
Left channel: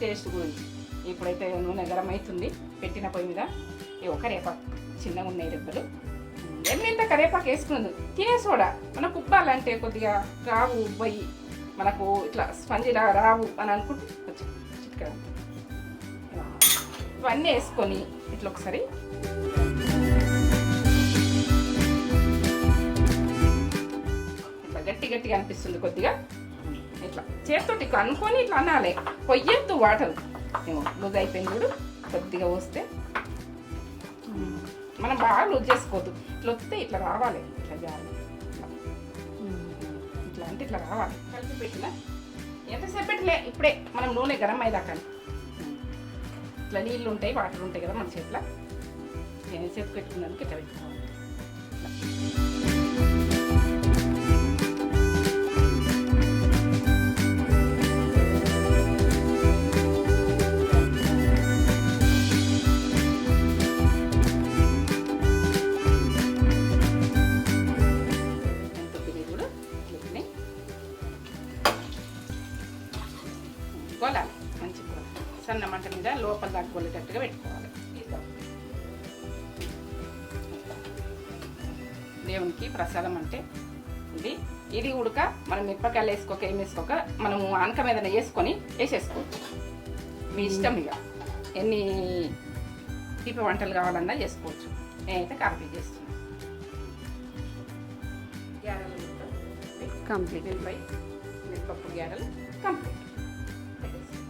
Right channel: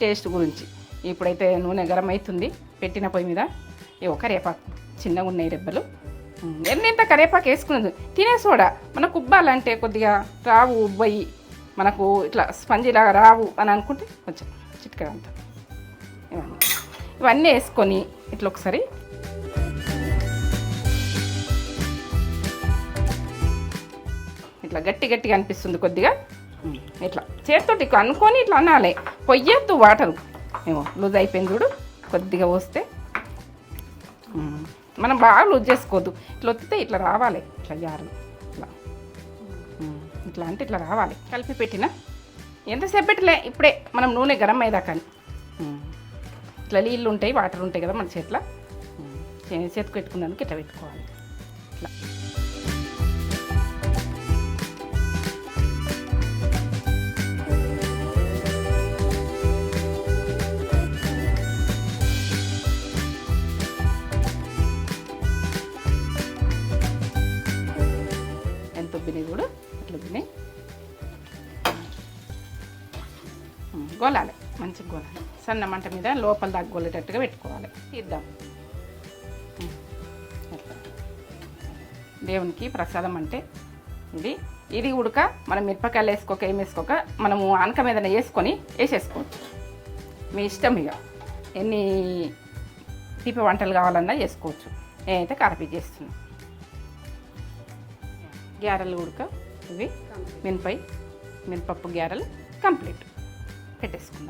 టేస్ట్ గురించి. ఇప్పుడైతే నూనె గరం అవుతుంది, పెట్టిన పొయ్యి మీద. ఇగో కరివేపాకు చిన్నగా ఉన్నాయి రెబ్బలు. ఎన్నింత కరివేపాకు వేసుకున్నది తినే సోడా. మనకు ఉబ్బాలంటే కొద్దిగా రావు, ఉబ్బయి మనకు ఇట్లా స్పంజిలా రావు అని అనుకుంటే కొంచెం చిట్కా అంత. ఇవన్నీ వేసుకొని ఇట్లా ఒకసారి ఇట్లా గట్టిగా అనిపిస్తుంది కొద్దిగా. ఇట్లా చేతితోటి అనుకొని ఇట్లా అనాలి. పొయ్యొద్దు వాటరు. ఏమో లూజ్ అయిపోయింది చూడు. కొద్దిగా పోస్తే మనం బాగా లూజ్ చేసుకోవద్దు. ఇట్లా వస్తే ఇట్లా రావాలి. ఇట్లా జారు ఇట్లా అంటే ఇట్లా రావాలి. కలిపి పెట్టిన ఎంతసేపు పెట్టలే, ఇప్పుడే మనం నూనె గరం అయ్యేదాకా. ఇట్లా నీళ్ళు ఉంటాయి, వాటర్ ఉంటాయి కదా మన చేతిలో. చేతికి పెట్టుకున్నానికి ఇట్లా పెట్టుకోవాలి. ఇట్లా గోలాలి, మంచిగా గోలాలి. సన్న మంట మీద లోపల దాకా గోలేటట్టుగా పెట్టుకోవాలి. ఇద్దాం. దేవునికి ప్రసాదం అంటే ఇది ఉడక మనం మిరపకాయలు వేసుకోక ఏం వేసుకోక మనము అనక మీద వేసుకొని వేసేసుకోవచ్చు. మీ ఇష్టం. ఇక ఎన్ని తీపి వంటలు కావాలన్నా చేసుకోవచ్చు. నేనైతే కారపీ చేస్తున్నాను. గ్యారెలు ఉడక ఇవి కంప్లీట్. మినపప్పు గ్యారెలు కంప్లీట్ పెట్టేసుకుందాం.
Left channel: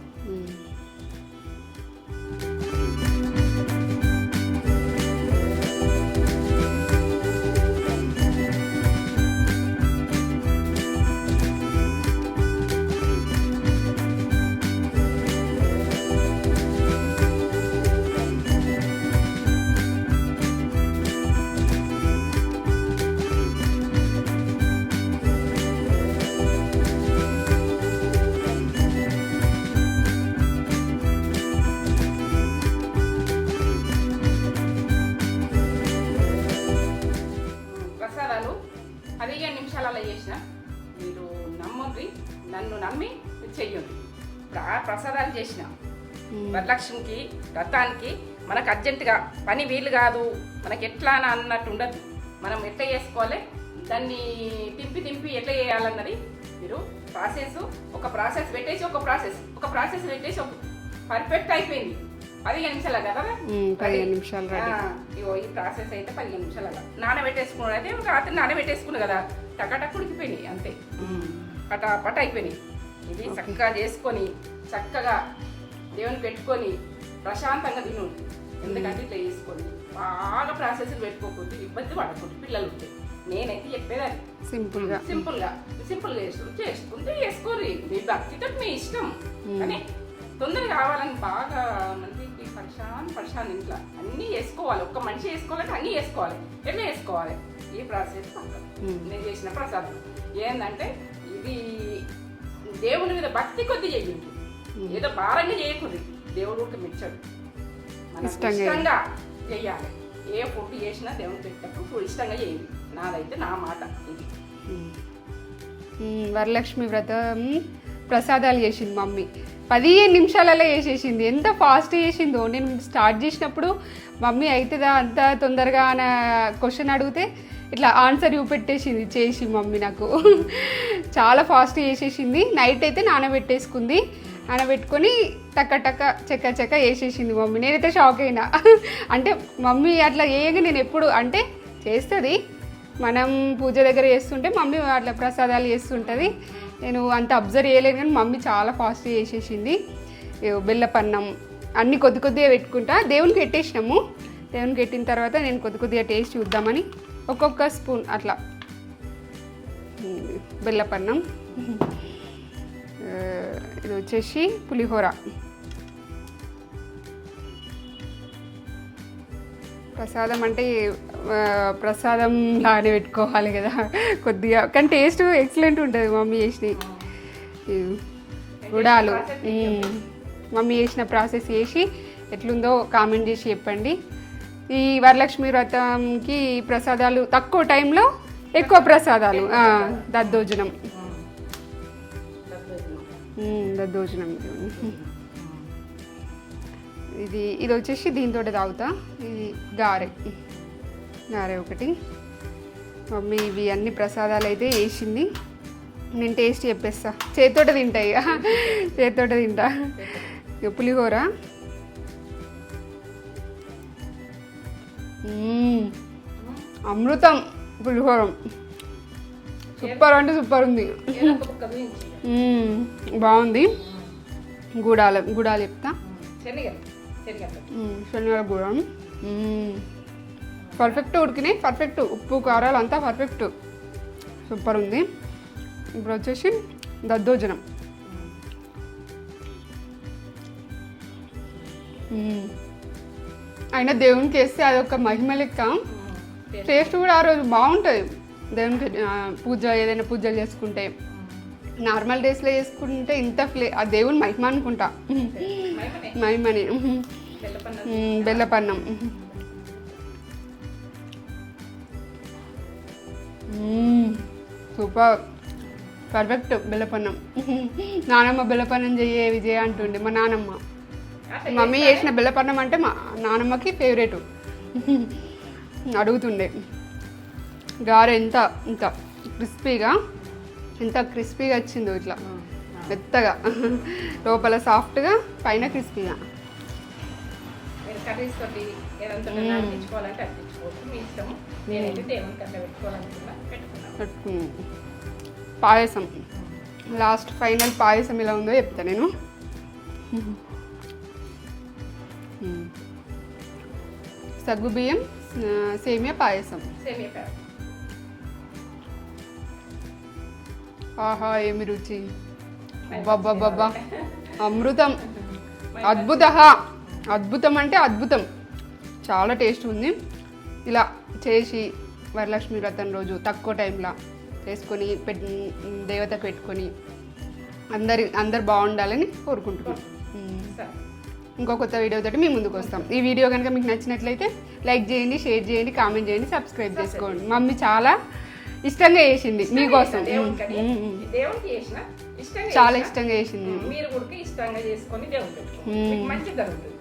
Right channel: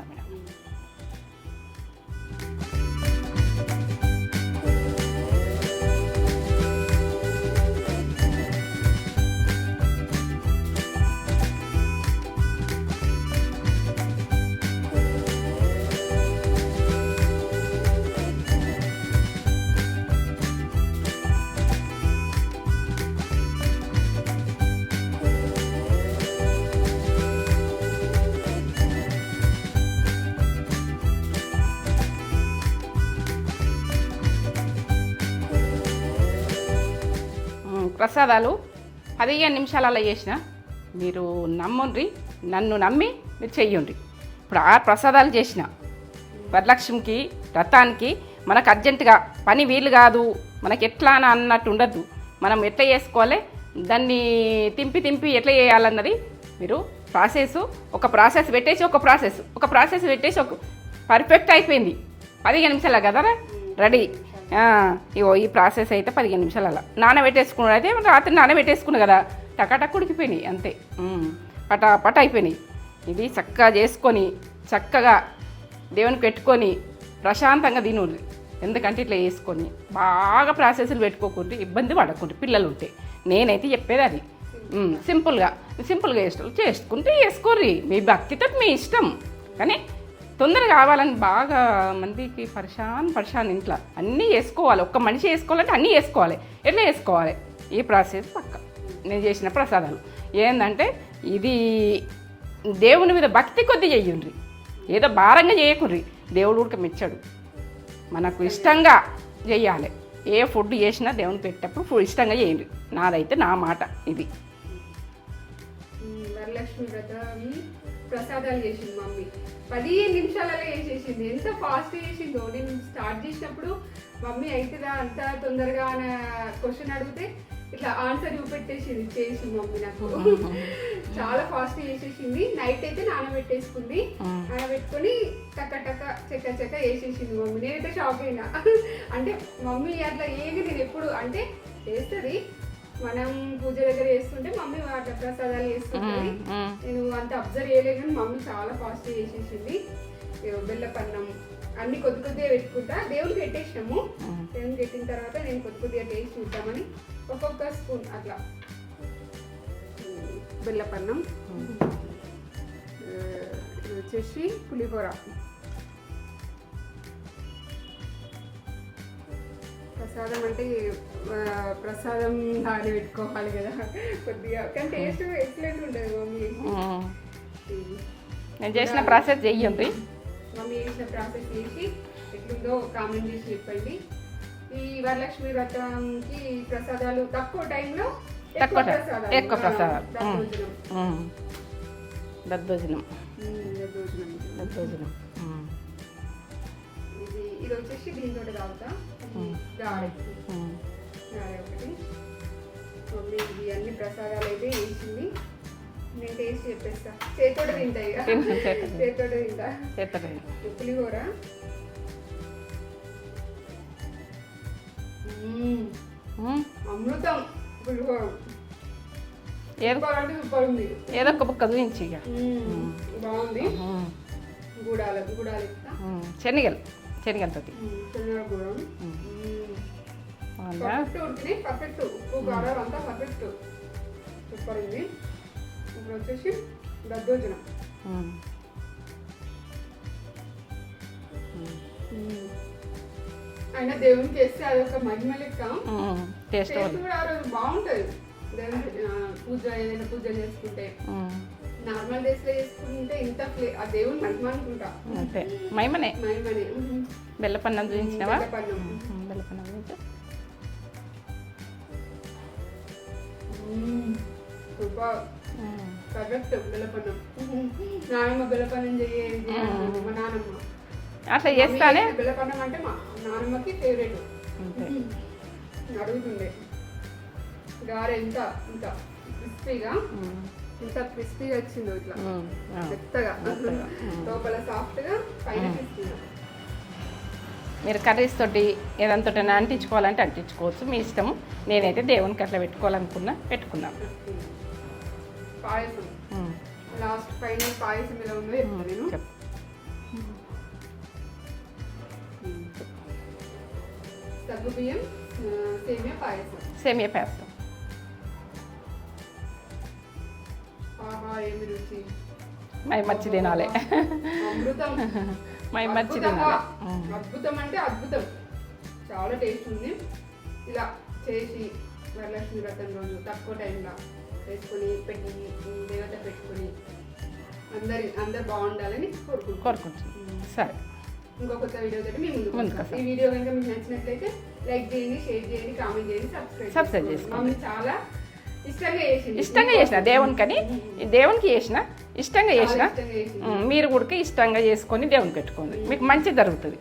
ప్రసాదాలు 15 నిమిషాలలో చేసిన మీరు నమ్ముండ్రి, నన్ను నమ్మి మీరు చెయ్యండి. ఇప్పుడు 6 ప్రసాదాలు చేసిన. వరలక్ష్మికి వ్రతానికి మనకు అర్జెంటుగా పని వీలు కాదు, మనకి ఎట్లా అన్నట్టు ఉండద్దు. మనం ఎట్లా చేసుకోవాలి, దాన్ని తింపి ఎట్లా చేయాలన్నది మీరు ఒక ప్రాసెస్ పెట్టేసి ఒక పర్ఫెక్ట్ అయిపోయింది. 15 నిమిషాల కదరా రెడీ. ఇగో ఈ ప్రాసెస్ అయితే 15 నిమిషాల నానబెట్టేసుకున్నాడు. అయితే రాత్రి నానబెట్టేసుకున్నా కదా, టకాటక్ ఉడికిపోయినాయి అంతే. పట అయిపోయినాయి. ఇది చక్కగా చేసుకొని చక్కగా దేవునికి పెట్టుకొని ప్రశాంతంగా తినుండ్రి. ఎందుకంటే ఇట్లా వేసుకొని బాగా ప్రాసెస్లు పెట్టుకోకుండా ఇబ్బంది పడకుండా పిల్లలు ఉంటే. నేనైతే చెప్పేది అది సింపుల్గా చేసుకుంటే వేసుకోర్రి. మీ భక్తితో మీ ఇష్టం. కానీ తొందరగా కావాలని బాగా మందికి పరిశాన్ ఇంట్లో అన్నీ వేసుకోవాలి. ఒక్క మనిషి వేసుకోవాలంటే అన్నీ వేసుకోవాలి. ఎట్లా వేసుకోవాలి ఈ ప్రాసెస్ పక్క నేను చేసిన ప్రసాదాలు ఏంటంటే ఇది దేవుని మీద భక్తి కొద్ది చెయ్యండి. ఏదో భారంగా చేయకుర్రి. దేవుడు కూడా మెచ్చాడు. మనకు ఇష్టంగా చెయ్యాలి. ఏ ఫుడ్ చేసినా దేవుని పెట్టేటప్పుడు ఇష్టంగా చేయండి. నాదైతే నా మాట ఇది. వరలక్ష్మి వ్రతం ప్రసాదాలు చేసింది మమ్మీ. 15 నిమిషాలలో చేసేసింది. ఎంత ఫాస్ట్ చేసిందో. నేను స్టార్ట్ చేసినప్పుడు మమ్మీ అవుతుందా అంత తొందరగా అన్న క్వశ్చన్ అడిగితే ఇట్లా ఆన్సర్ చూపెట్టేసింది చేసి మమ్మీ నాకు. చాలా ఫాస్ట్ చేసేసింది. నైట్ అయితే నానబెట్టేసుకుంది. నానబెట్టుకొని చెక్క వేసేసింది మమ్మీ. నేనైతే షాక్ అయినా. అంటే మమ్మీ అట్లా వేయగా నేను ఎప్పుడు అంటే చేస్తుంది, మనం పూజ దగ్గర చేస్తుంటే మమ్మీ అట్లా ప్రసాదాలు చేస్తుంటుంది. నేను అంత అబ్జర్వ్ చేయలేదు, కానీ మమ్మీ చాలా ఫాస్ట్ చేసేసింది. బెల్లపన్నం అన్నీ కొద్దిగా పెట్టుకుంటా. దేవునికి పెట్టేసినాము. దేవునికి పెట్టిన తర్వాత నేను కొద్దిగా టేస్ట్ చూద్దామని ఒక్కొక్క స్పూన్ అట్లా బెల్లపన్నం. ఇది వచ్చేసి పులిహోర. ప్రసాదం అంటే ప్రసాదం లానే పెట్టుకోవాలి కదా కొద్దిగా, కానీ టేస్ట్ ఎక్సలెంట్ ఉంటుంది మమ్మీ చేసినవి. మమ్మీ చేసిన ప్రాసెస్ చేసి ఎట్లుందో కామెంట్ చేసి చెప్పండి. ఈ వరలక్ష్మి వ్రతంకి ప్రసాదాలు తక్కువ టైంలో ఎక్కువ ప్రసాదాలు. దద్దోజనం దద్దోజనం దద్దోజనం ఇది వచ్చేసి దీంతో తాగుతా. ఇది గారె ఒకటి. మమ్మీ ఇవి అన్ని ప్రసాదాలు అయితే వేసింది. నేను టేస్ట్ చెప్పేస్తా, చేతితోట తింటా ఇక చేతితోట తింటా. ఇక పులిహోర అమృతం. పులిహోర సూపర్ అంటే సూపర్ ఉంది. ఏదో ఒక పక్క నుంచి బాగుంది. గుడాలు చెప్తా. శనగల గుడం పర్ఫెక్ట్ ఉడికినాయి. పర్ఫెక్ట్ ఉప్పు కారాలు అంతా పర్ఫెక్ట్ సూపర్ ఉంది. ఇప్పుడు వచ్చేసి దద్దోజనం. అయినా దేవునికి వేస్తే అదొక మహిమ లెక్క. టేస్ట్ కూడా ఆ రోజు బాగుంటుంది. దేవునికి ఏదైనా పూజలు చేసుకుంటే, నార్మల్ డేస్లో చేసుకుంటే ఇంత ఆ దేవుని మహిమ అనుకుంటా. మహిమనే. బెల్లపన్నం సూపర్ పర్ఫెక్ట్. బెల్లపన్నం నానమ్మ బెల్లపన్నం చెయ్యే విజయ అంటుండే మా నానమ్మ. మమ్మీ చేసిన బెల్లపన్నం అంటే మా నానమ్మకి ఫేవరెట్. అడుగుతుండే. గారె ఎంత క్రిస్పీగా వచ్చిందో, ఇట్లా మెత్తగా, లోపల సాఫ్ట్గా, పైన క్రిస్పీగా. మీరు కర్రీస్ తోటి ఏదంతో అంటించుకోవాలంటే అంటించుకోవచ్చు, మీ ఇష్టము. నేనైతే దేవునికి అట్లా పెట్టుకున్నాను. పాయసం లాస్ట్ ఫైనల్ పాయసం ఎలా ఉందో చెప్తా నేను. సగ్గుబియ్యం సేమియా పాయసం. ఆహా ఏమి రుచి, అమృతం. అద్భుతం అంటే అద్భుతం. చాలా టేస్ట్ ఉంది. ఇలా చేసి వరలక్ష్మి వ్రతం రోజు తక్కువ టైంలో చేసుకొని దేవత పెట్టుకొని అందరు బాగుండాలని కోరుకుంటున్నాను. సరే, ఇంకో కొత్త వీడియో తోటి మీ ముందుకు వస్తాం. ఈ వీడియో కనుక మీకు నచ్చినట్లయితే లైక్ చేయండి, షేర్ చేయండి, కామెంట్ చేయండి, సబ్స్క్రైబ్ చేసుకోండి. మమ్మీ చాలా ఇష్టంగా చేసింది. దేవునికి చేసిన చాలా ఇష్టంగా చేసింది. మీరు కూడా ఇష్టంగా చేసుకొని దేవునికి పెట్టుకోండి, మీకు మంచి జరుగుతుంది.